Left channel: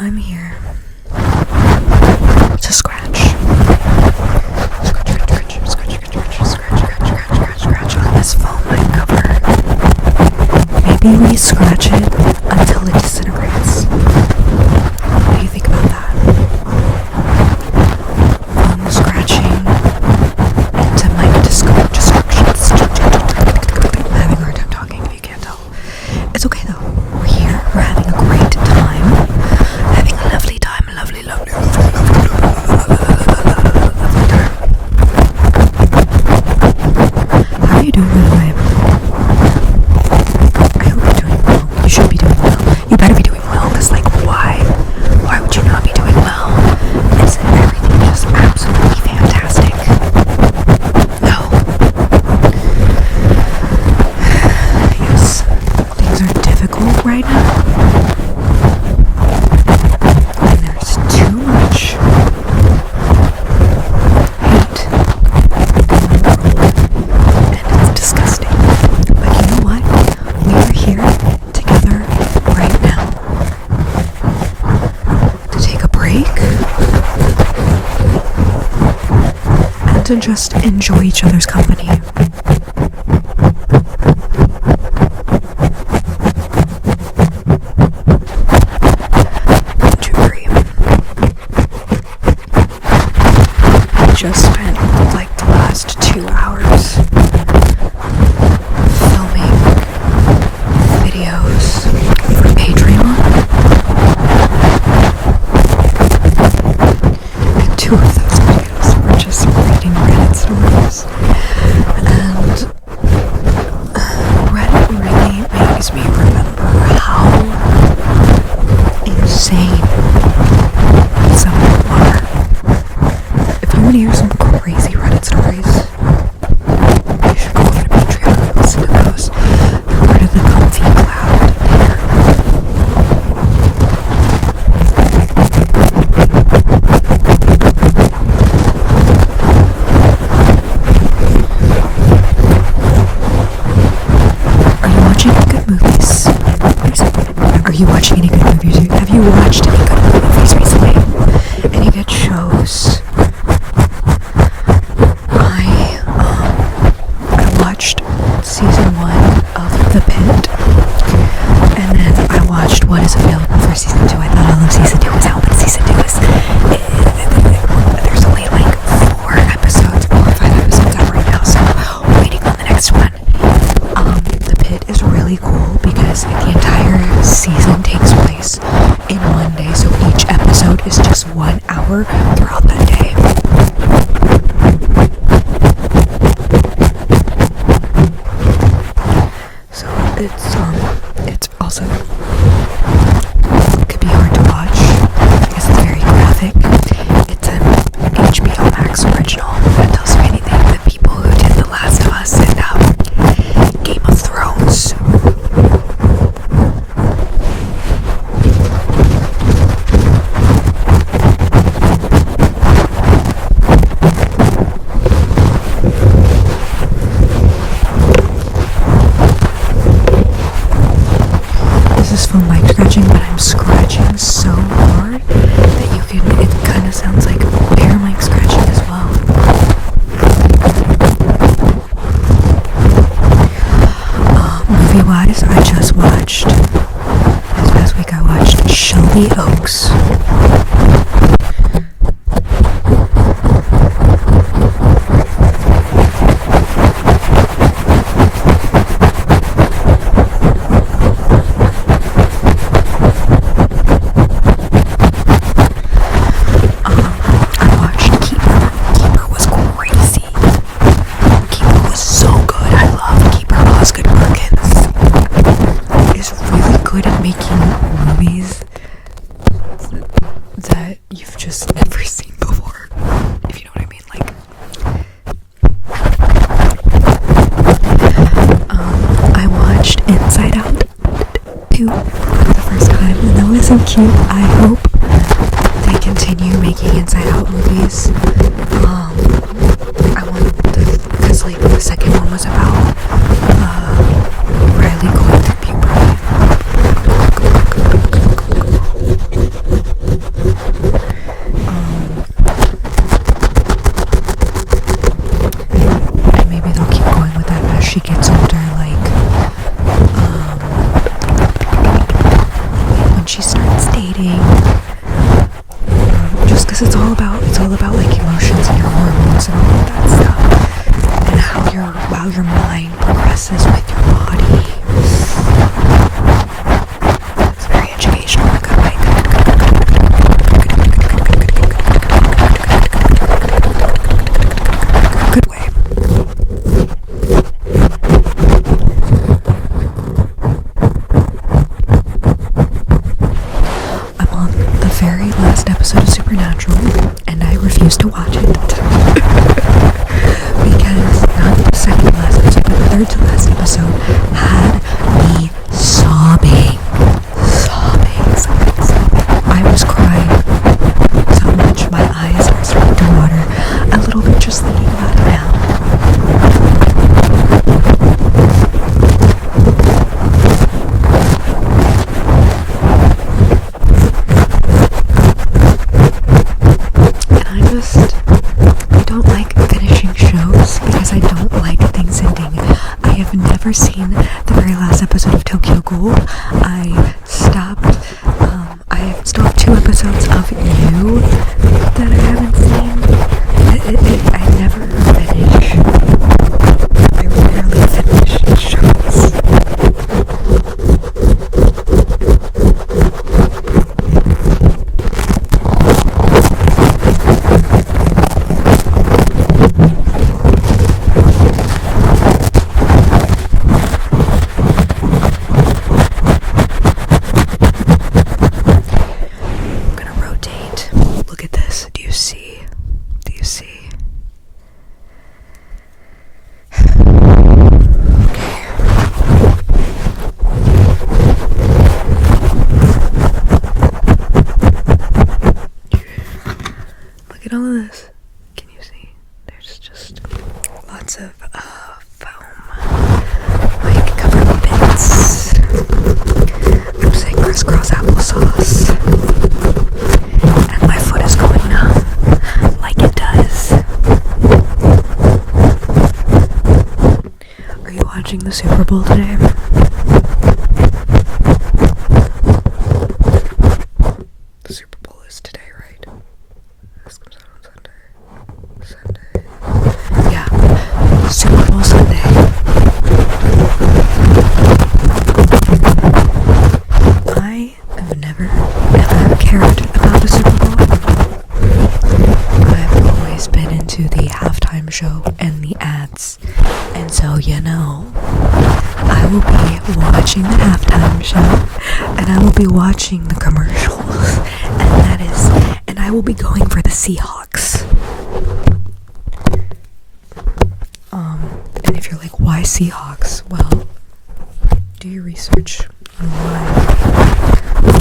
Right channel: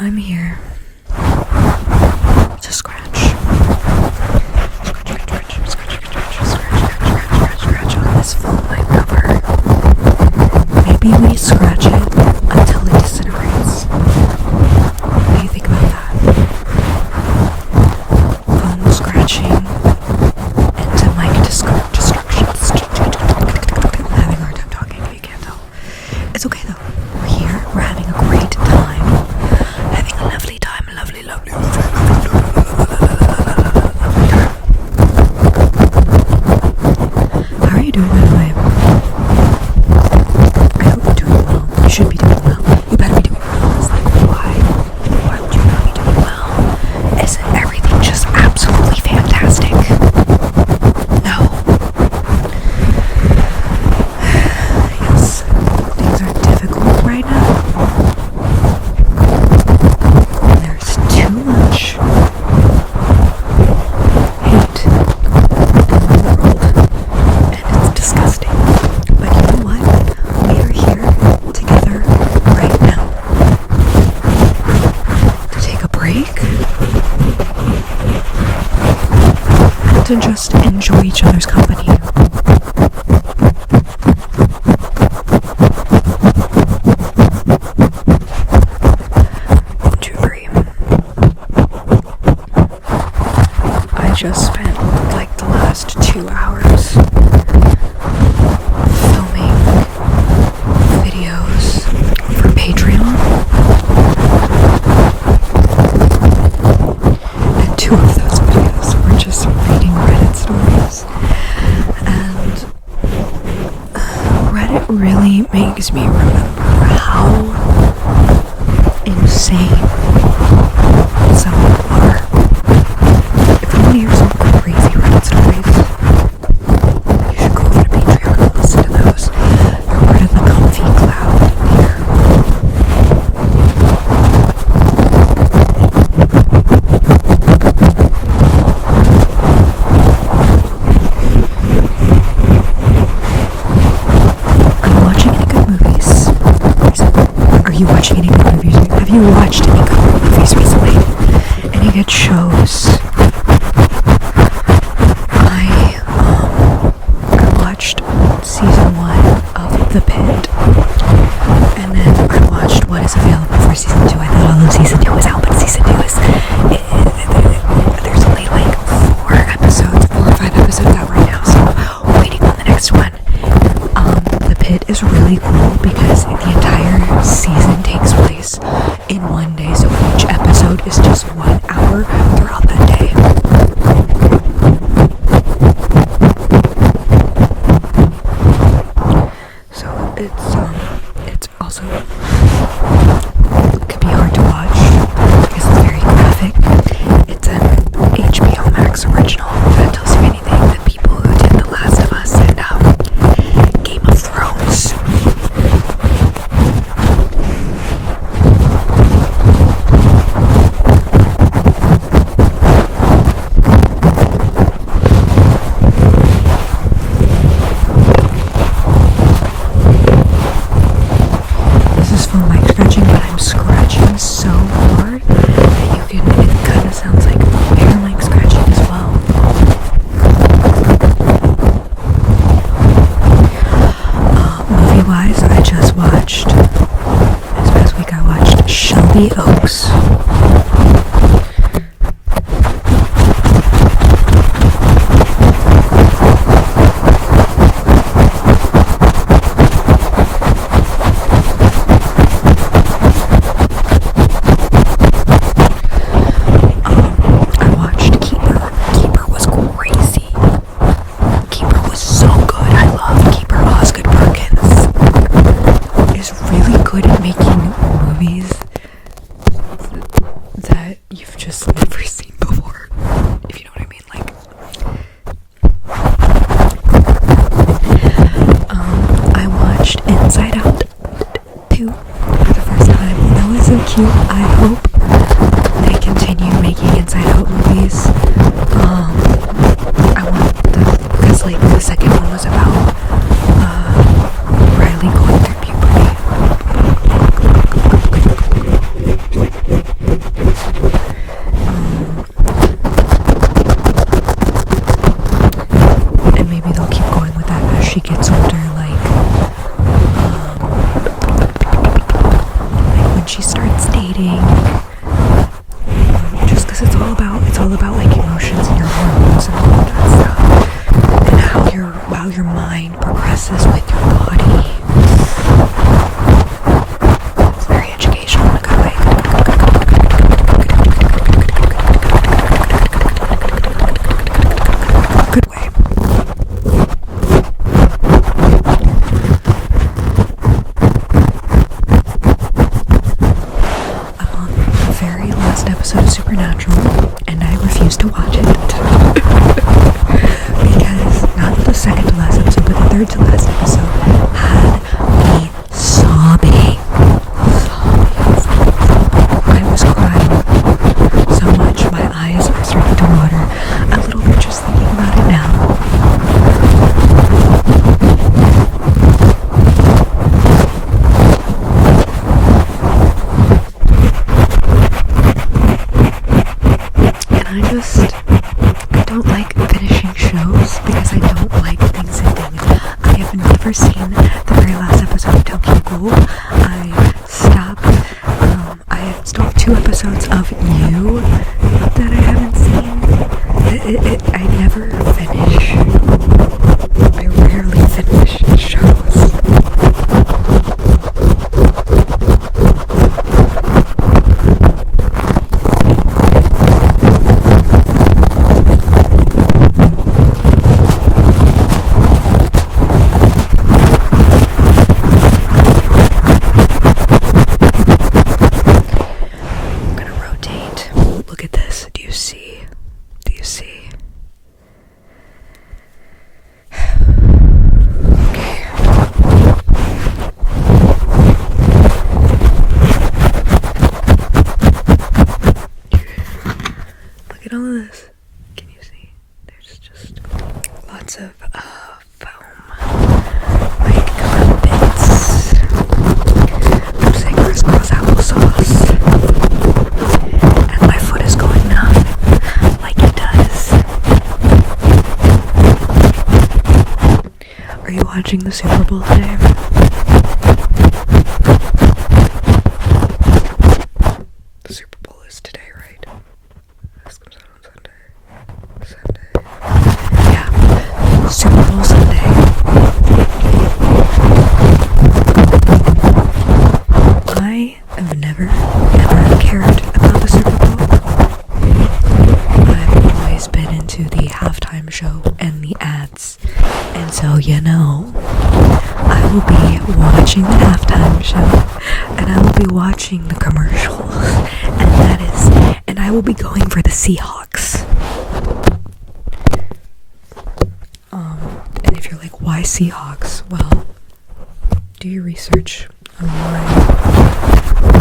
I'm here to scratch on this foam mic cover. Maybe we scratch it until it disintegrates. What do you think about that? Foam scratching into mic destructions. I'm having a hard time talking if you can't tell. It's okay though. We're here. We're having a great time. Having a lovely time. Lovely time. How are you doing, by the way? I hope you're doing well. You should be doing well. You better be doing well, because, like, why? Why would you not be doing well? Isn't everything just absolutely fantastic? No. Yes. Things are difficult right now. And there's too much hate in the world. And it's disgusting. But you know what? We are here together right now to take a break and to just enjoy each other's company. Don't you agree? I just spent like the last 2 hours filming videos for Patreon, and 2 of those videos were just reading Reddit stories, and Reddit really makes me remember how insane some people are. If you want to hear some crazy Reddit stories, you should go over to Patreon and listen to those. They're part of the comfy cloud there. Are you watching any good movies? Are you watching any good movies? Have you watched any good movies recently? Any good shows? I watched season 1 of The Pit, and then I watched what is available for season 2. I thought all of season 2 was out, but season 2 is there's only like 4 or 5 episodes out right now, so waiting on the next one. The Pit is really cool because the entire season takes place in one day, so each episode is just 1 hour throughout that day. So it's also could be hard to watch because it's very graphic. It's an HBO Max original. That tells you anything. The people who did The Last of Us and Game of Thrones. This is phone mic scratching, but I'm scratching so hard that it kind of sounds like air mic scratching as well. Movie-wise, I just watched, this past week I watched Shelby Oaks. I watched Keeper. Keeper was crazy. Keeper was so good. I loved Keeper. Osgood Perkins is really good at making movies that you've just never seen before, if you know what I mean. Like, I watched Inside Out 2 for the first time, and that was so cute. I hope they continue making Inside Out movies. I want because like the second one was about Riley going through puberty. she starts dating. Just because it's all about like emotions and your hormones and all of that stuff, and how your mind progresses with your body. It's very educational in a good way. Good way. I'm on the very last episode of Supernatural, and I refuse to watch it. Because not the second to last episode, but the third to last episode had me sobbing. I was crying so much, my eyes are starting to water a little bit just thinking about it now. I don't like finishing shows because I don't like things ending. I have never seen the very last episode of Tokyo Ghoul. I stopped, I still have 2 episodes of You that I haven't seen. I never finish. I rarely finish shows. Look at all of this. Can you see? There's just lots of foam, like covered bits. I'm saying crisscross applesauce, and my foot is going numb, like it does. Are you watching the Super Bowl today? The Super Bowl is today, right? This comes out on Sunday. Yeah, Super Bowl Sunday. I have never, ever cared about the Super Bowl. I've always been into the halftime show and the ads. And so, I will be watching the halftime show, and I will be watching the commercials, and I will be going for the Seahawks. And if you're like, why Seahawks? Well, do your research on why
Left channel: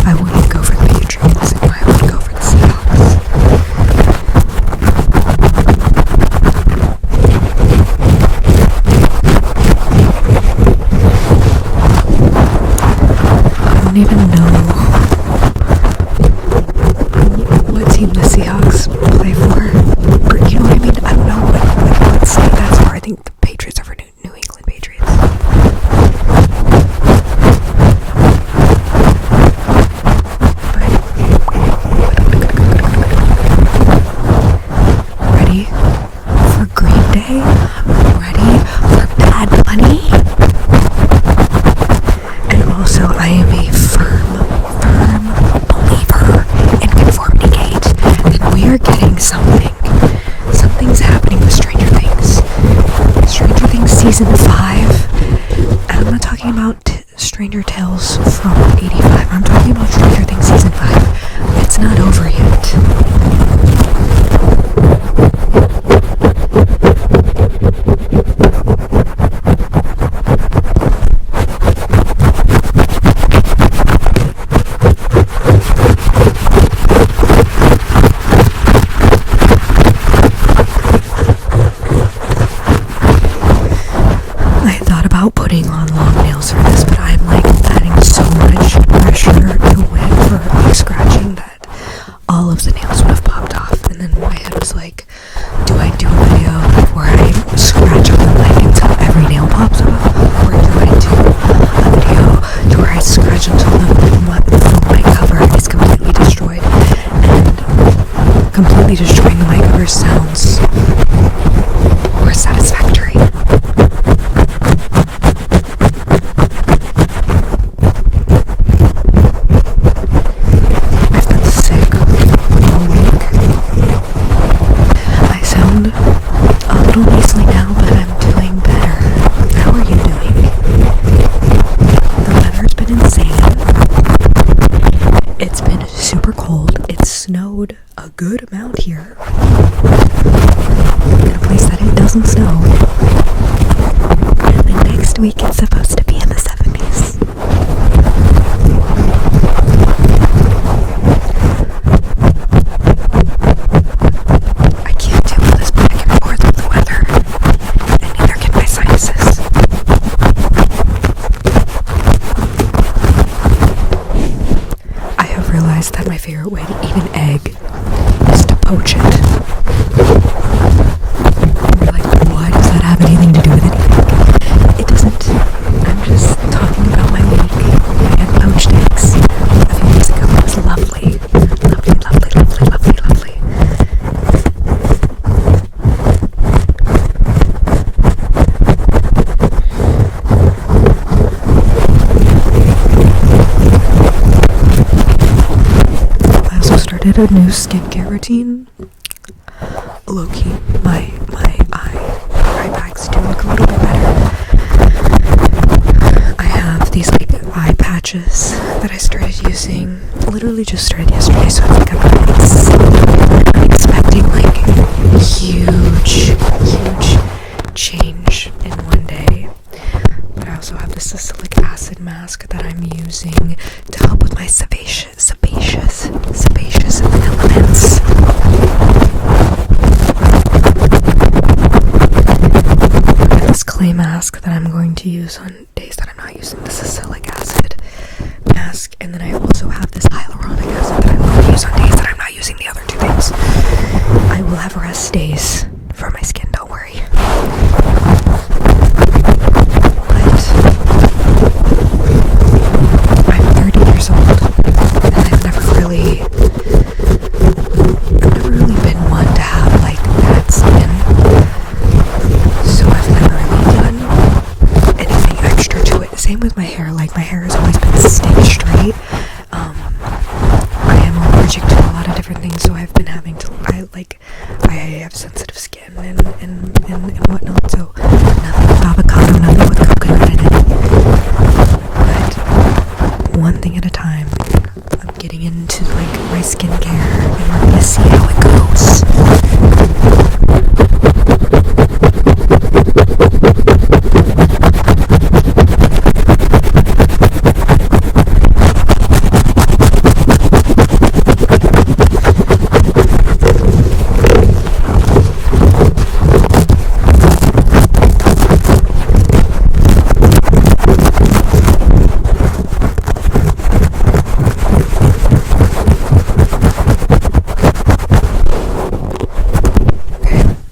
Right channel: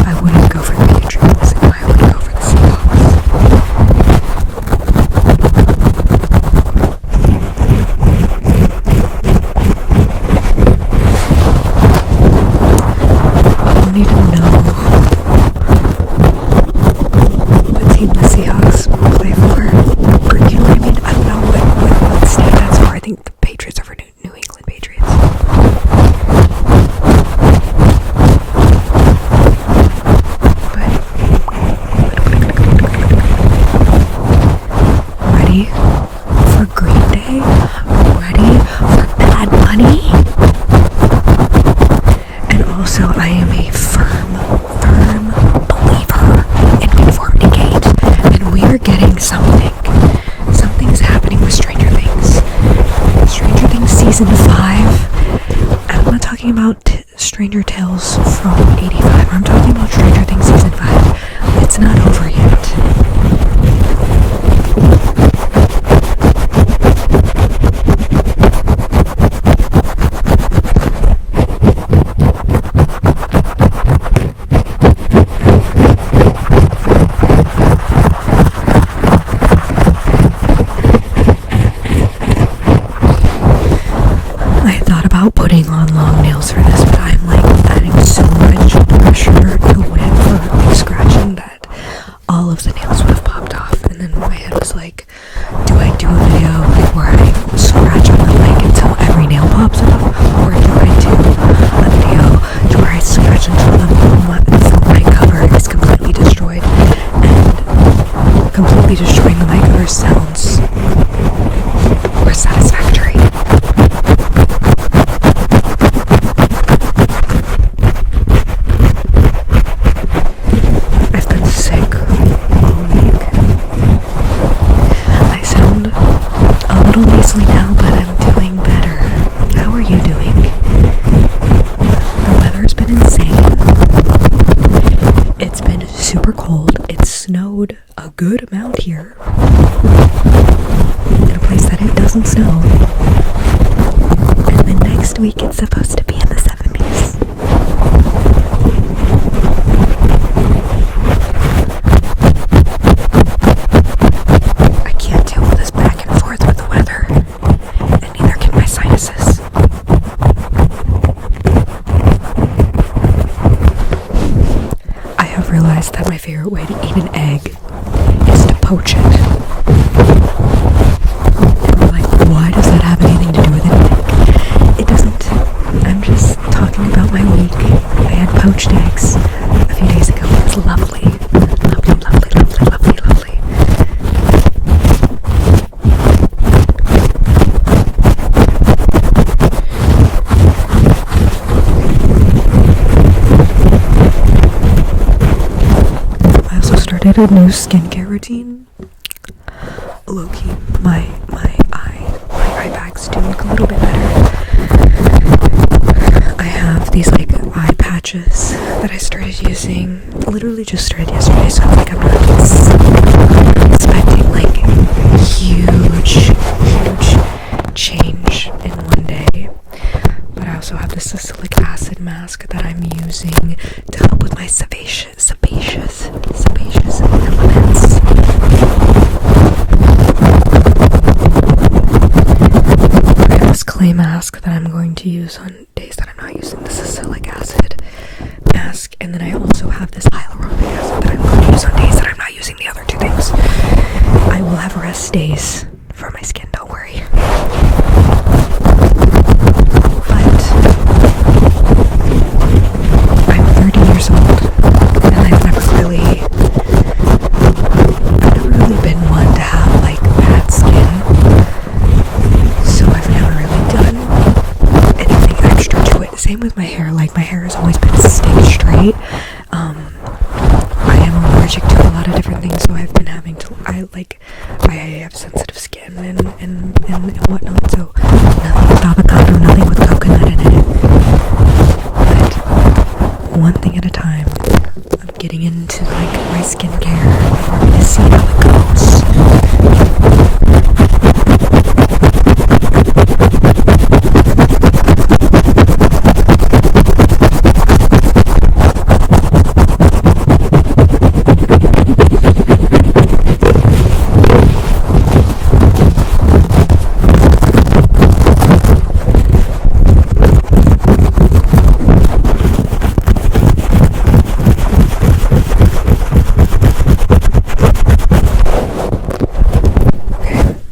I wouldn't go for the Patriots and why I would go for the Seahawks. I don't even know what team the Seahawks play for, or you know what I mean? I don't know what state that's for. I think the Patriots are for New England Patriots. But ready for Green Day? Ready for Bad Bunny? And also, I am a firm believer in Conformity Gate, and we are getting something. Something's happening with Stranger Things. Stranger Things Season 5, and I'm not talking about Stranger Tales from 85, I'm talking about Stranger Things Season 5. It's not over yet. I thought about putting on long nails for this, but I'm like adding so much pressure to it for like scratching that all of the nails would have popped off. And then my head was like, do I do a video like where I scratch on the mic until every nail pops off, or do I do a video to where I scratch until the full mic comes completely destroying the mic ever sounds or satisfactory. I've been sick all week. I sound a little nasally now, but I'm doing better. How are you doing? The weather's been insane. It's been super cold. It snowed a good amount here. In a place that it doesn't snow. And then next week it's supposed to be in the 70s. I can't deal with this back and forth with the weather. And neither can my sinuses. I have realized that my favorite way to eat an egg is to poach it. And you're like, why does that have anything to do with anything? It doesn't. I'm just talking about my week. I had poached eggs a few days ago. It was lovely. Lovely, lovely, lovely, lovely, lovely. I also started a new skincare routine. Low-key, my eye bags do look a little bit better. I have these like eye patches that I started using, literally just started yesterday, so it's like I'm not expecting like huge change in one day. But I also have this salicylic acid mask that I'm using to help with my sebaceous elements. I have this clay mask that I'm going to use on days that I'm not using the salicylic acid mask, and then I also have this hyaluronic acid that I'm going to use on days that I'm not using the other two things. I will have rest days for my skin, don't worry. But I'm 30 years old, and I've never really been one to have like bad skin, so I've never really done anything extra to it. Same with my hair. Like, my hair has always been stick straight. I am allergic to a lot of different things, so I've been having to, I have sensitive skin and whatnot, so nothing with avocado, nothing with coconut in it. But one thing at a time. I'm getting into like my skincare, and we're gonna see how it goes.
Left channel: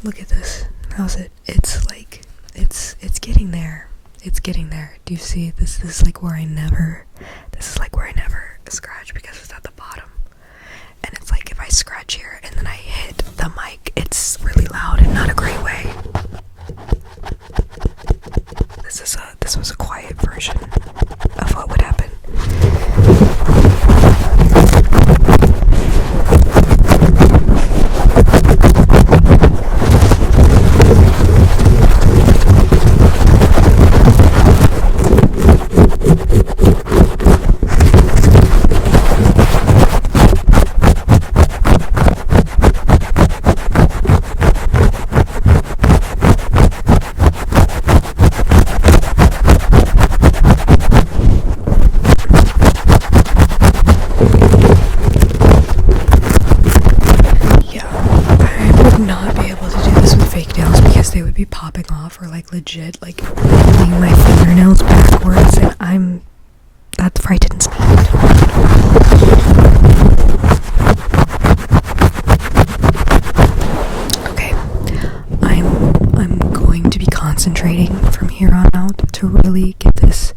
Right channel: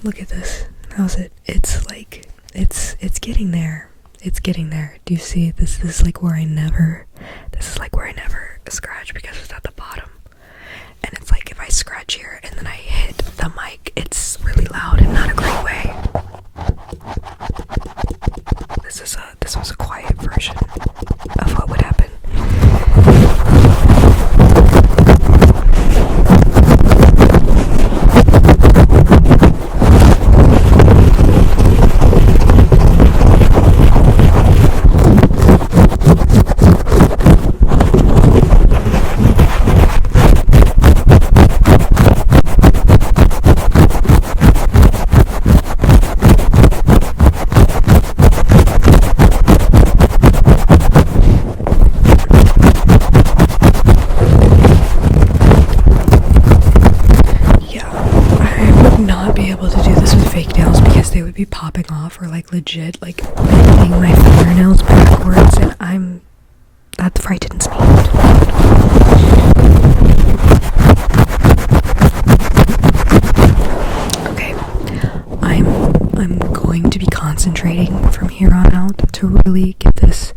Look at this. How's it? It's like, it's getting there. It's getting there. Do you see? This is like where I never scratch, because it's at the bottom. And it's like if I scratch here and then I hit the mic, it's really loud and not a great way. This was a quiet version of what would happen. Not be able to do this with fake nails because they would be popping off, or like legit like bending my fingernails backwards, and that frightens me. Okay, I'm going to be concentrating from here on out to really get this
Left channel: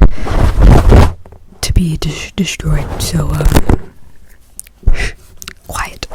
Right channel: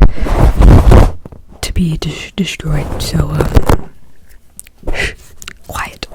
to be destroyed, so quiet.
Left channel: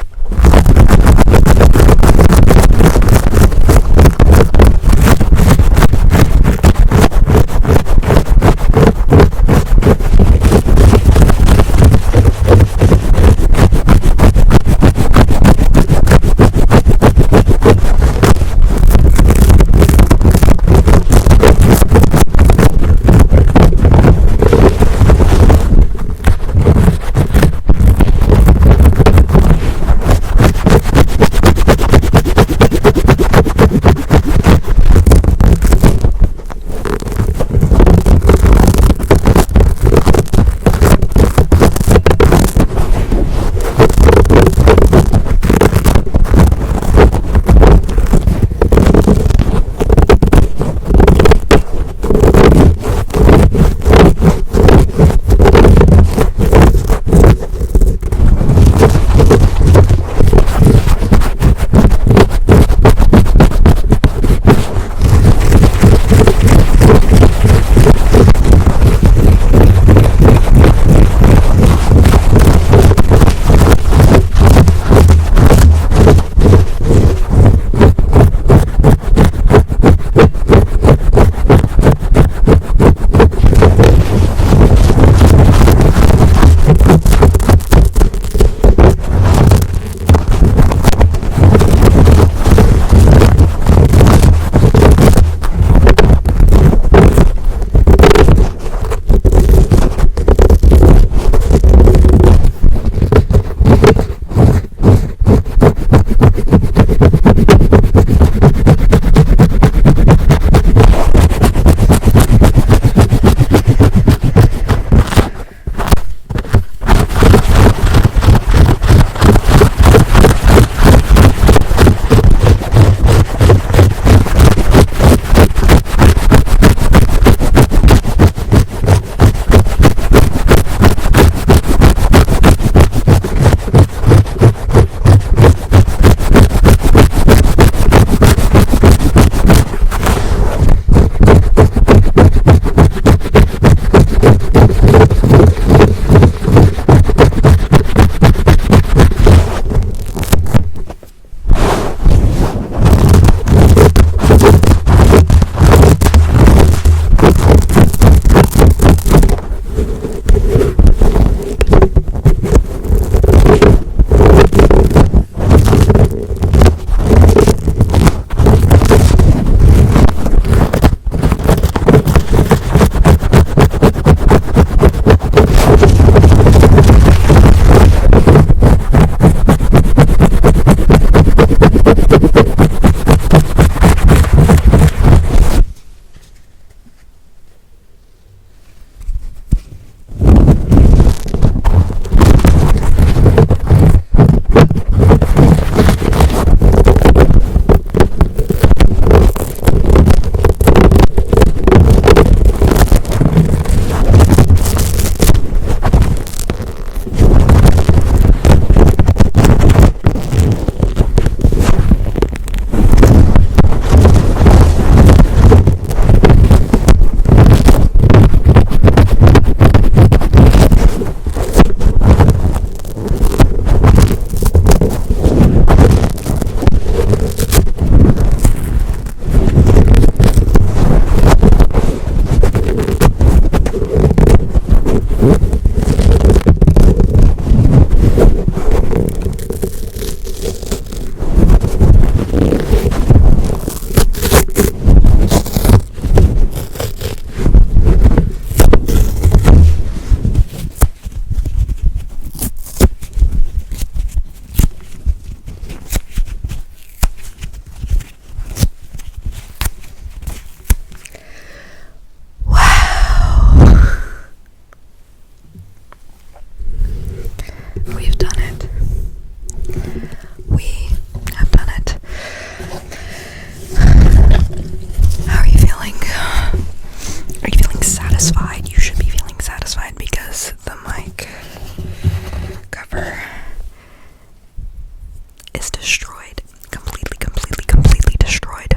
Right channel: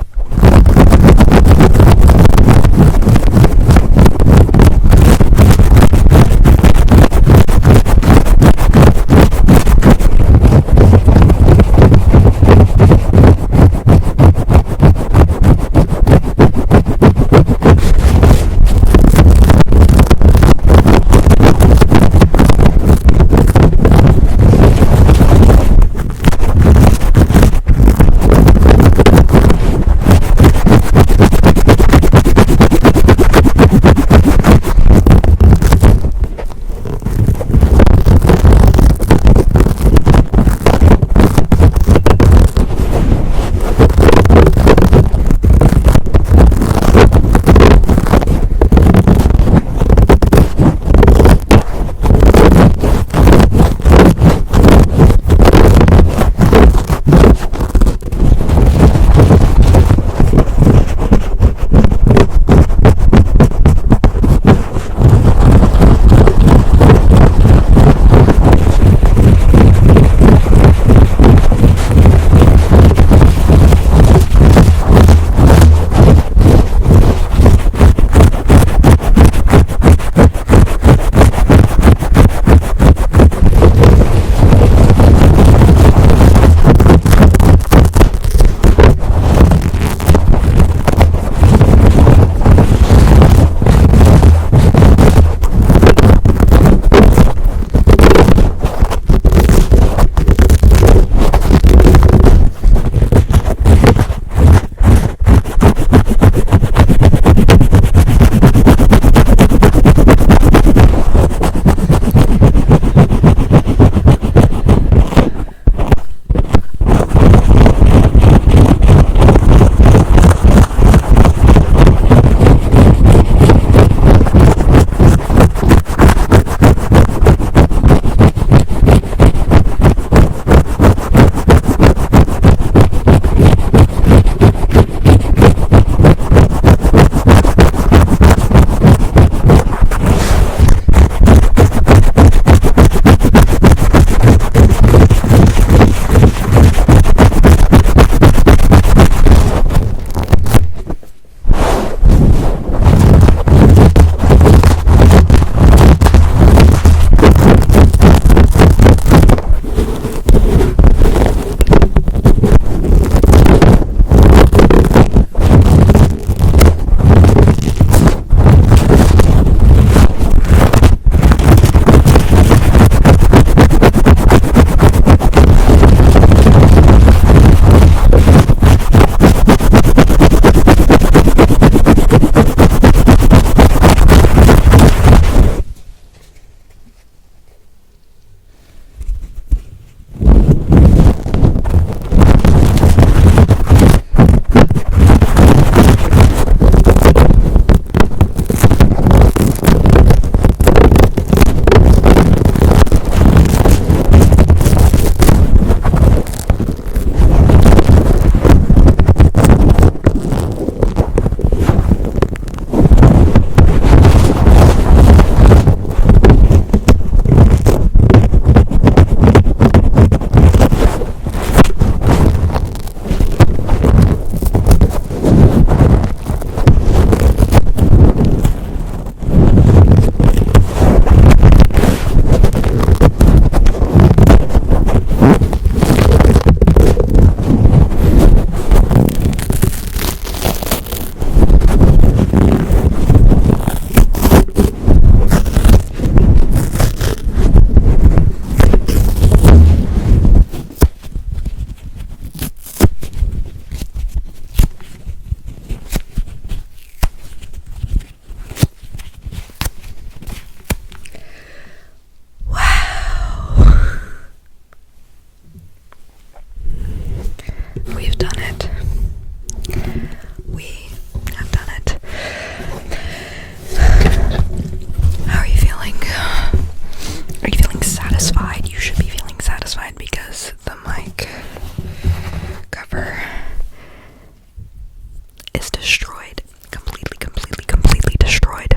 is destroyed. Completely destroyed.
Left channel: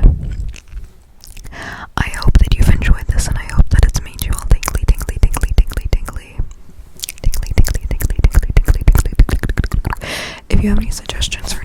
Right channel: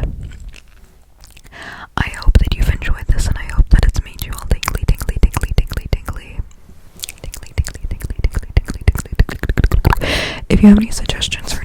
I hope that you've enjoyed this, and I hope that it's made you all tingly. If you have any suggestions or